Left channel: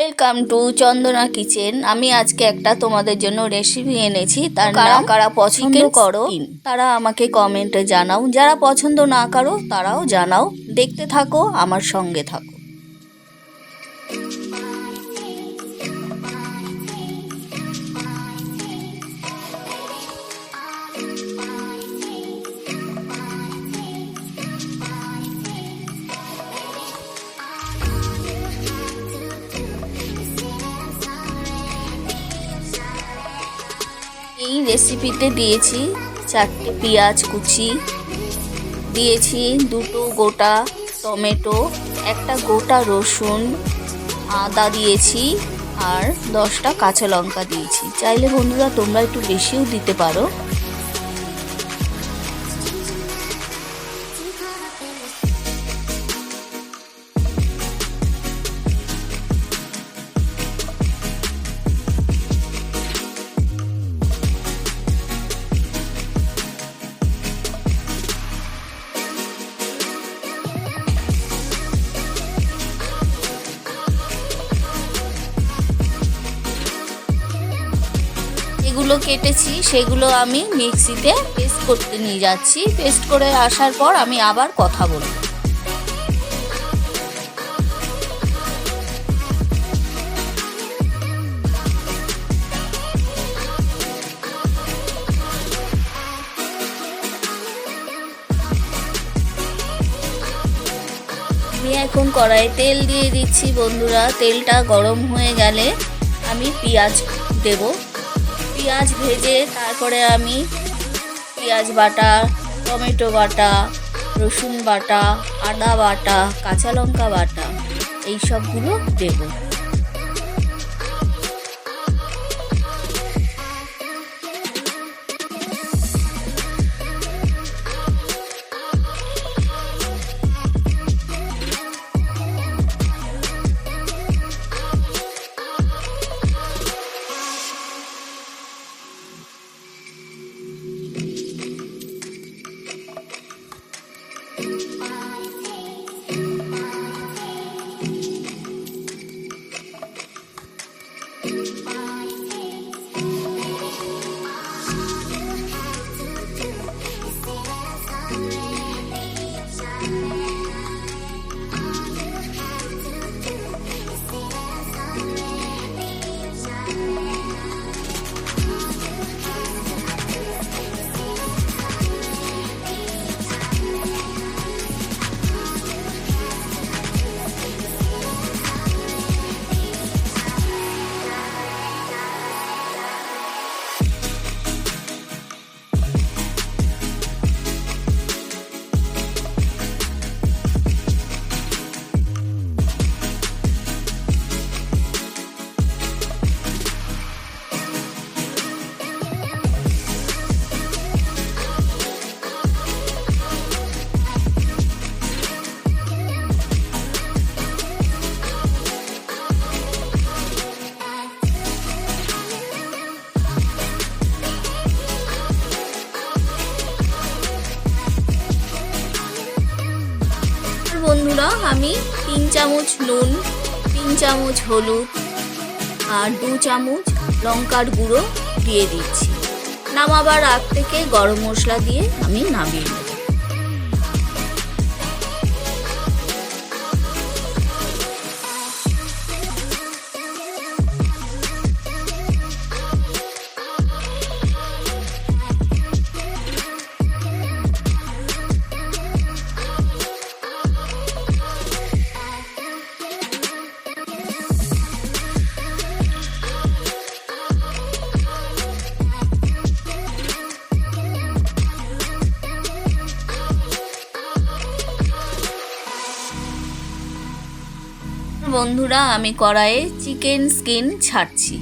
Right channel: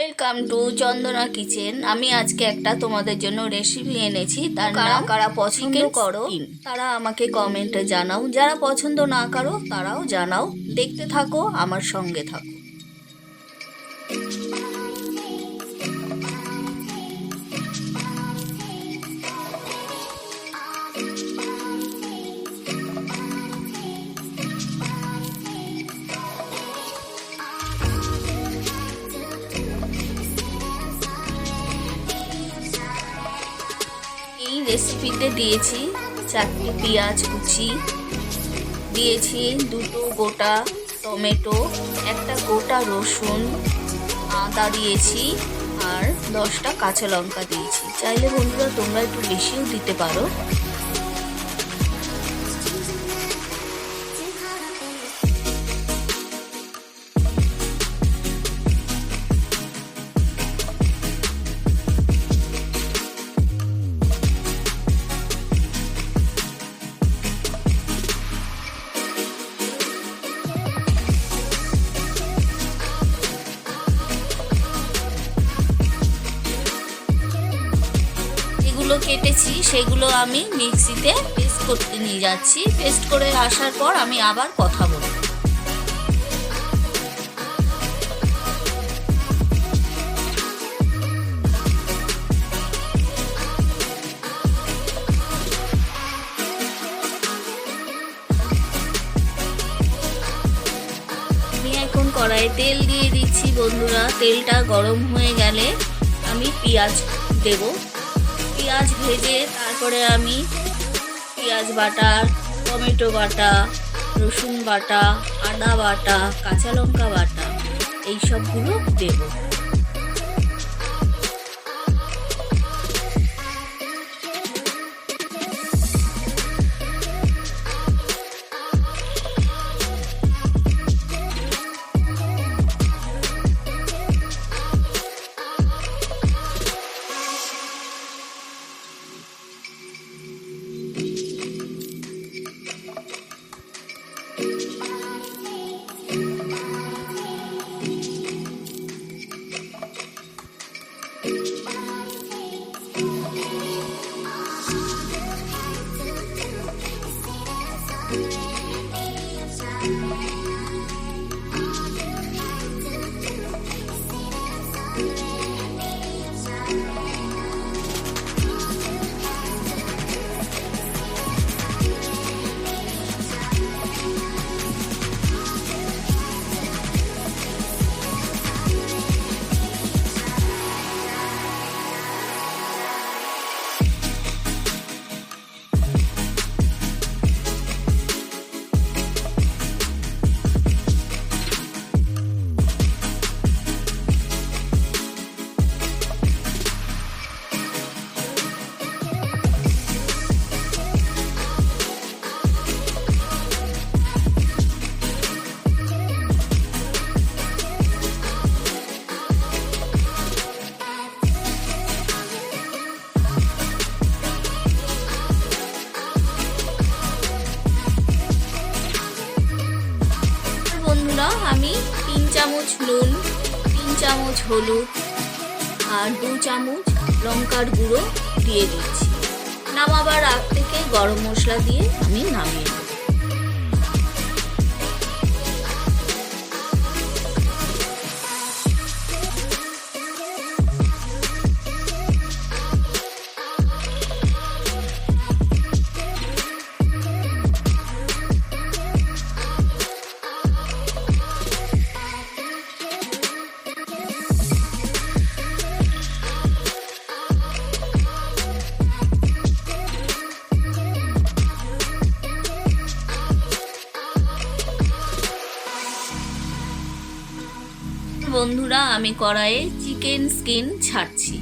Welcome to Chandana kitchen. আমি আজকে একটা তোমাদের জন্য রেসিপি এনেছি। তার নাম কারা পছন্দ করো তারা আমাকে কমেন্টে জানাও, যারা পছন্দ না করো তারাও জানাও। দেখতে থাকো, আমার সঙ্গে থাকো। এই রেসিপিতে দিয়েছি 4টে পেঁয়াজ কুচি, দিয়েছি 2টো গোটা টমেটো, একটা গোটা রসুন, আদা দিয়েছি আর 10টা কাঁচা লঙ্কা দিয়েছি। চাইলে বন্ধুরা তোমরা একটু বেশিও দিতে পারো। যেগুলো কেটেছি সেগুলো আমি মিক্সিতে পেস্ট করতে নিয়ে যাচ্ছি। পেস্ট করে আসার পর আমি আবার কথা বলবো। আমি এখন কড়াইয়ে তেল দিয়ে দিচ্ছি বন্ধুরা। তেলটা গরম হয়ে গেলে আমি পেঁয়াজ দেব। পেঁয়াজ ভেজে তারপরে আমি পেঁয়াজ বাটা, টমেটো বাটা, রসুন বাটা, আদা বাটা, কাঁচা লঙ্কা বাটা এই সবগুলো দেব। বন্ধুরা আমি 3 চামচ নুন, 3 চামচ হলুদ আর 2 চামচ লঙ্কার গুঁড়ো দিয়ে দিচ্ছি। নামাবার আগ থেকে গরম মশলা দিয়ে আমি নামিয়ে নেব। বন্ধুরা আমি কড়াইয়ে চিকেন স্কিন ছাড়ছি,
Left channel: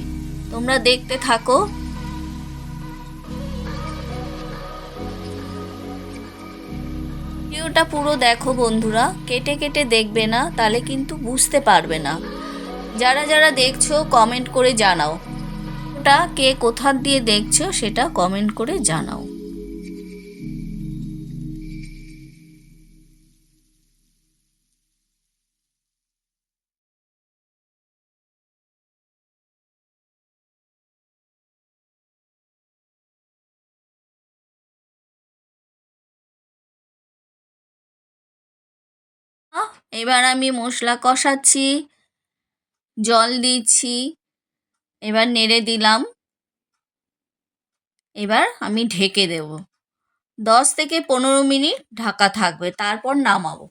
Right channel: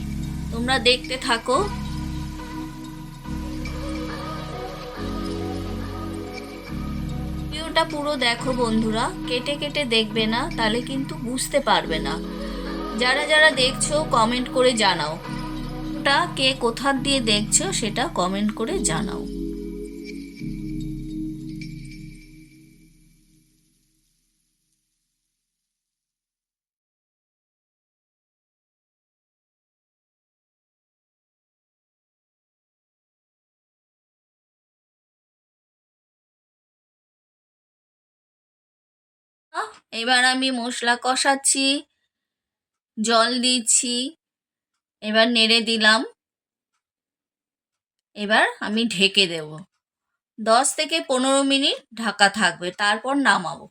তোমরা দেখতে থাকো। ভিডিওটা পুরো দেখো বন্ধুরা, কেটে কেটে দেখবে না, তাহলে কিন্তু বুঝতে পারবে না। যারা যারা দেখছো কমেন্ট করে জানাও, ওটা কে কোথা দিয়ে দেখছো সেটা কমেন্ট করে জানাও। এবার আমি মশলা কষাচ্ছি, জল দিচ্ছি, এবার নেড়ে দিলাম। এবার আমি ঢেকে দেব, 10 থেকে 15 মিনিট ঢাকা থাকবে, তারপর নামাবো।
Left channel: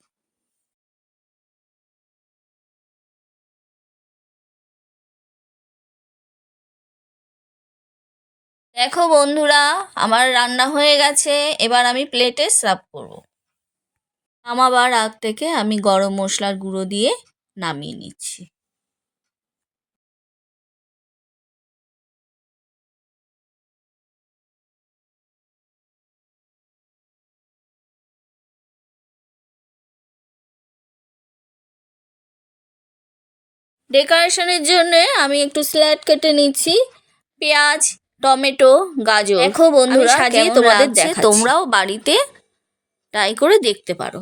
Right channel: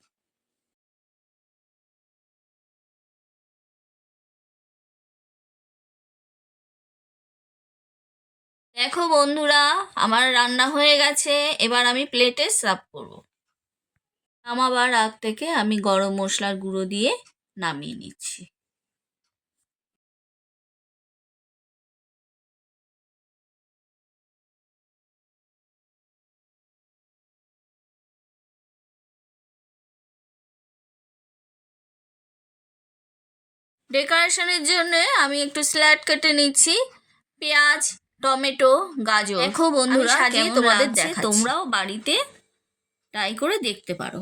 দেখো বন্ধুরা, আমার রান্না হয়ে গেছে। এবার আমি প্লেটে সার্ভ করব। নামাবার আগ থেকে আমি গরম মশলার গুঁড়ো দিয়ে নামিয়ে নিচ্ছি। ডেকোরেশনের জন্য আমি একটু স্যালাড কেটে নিচ্ছি, পেঁয়াজ, টমেটো, গাজর। দেখো বন্ধুরা, সাজিয়ে তোমাদের দেখাচ্ছি, তোমরাও বাড়িতে ট্রাই করে দেখতে পারো।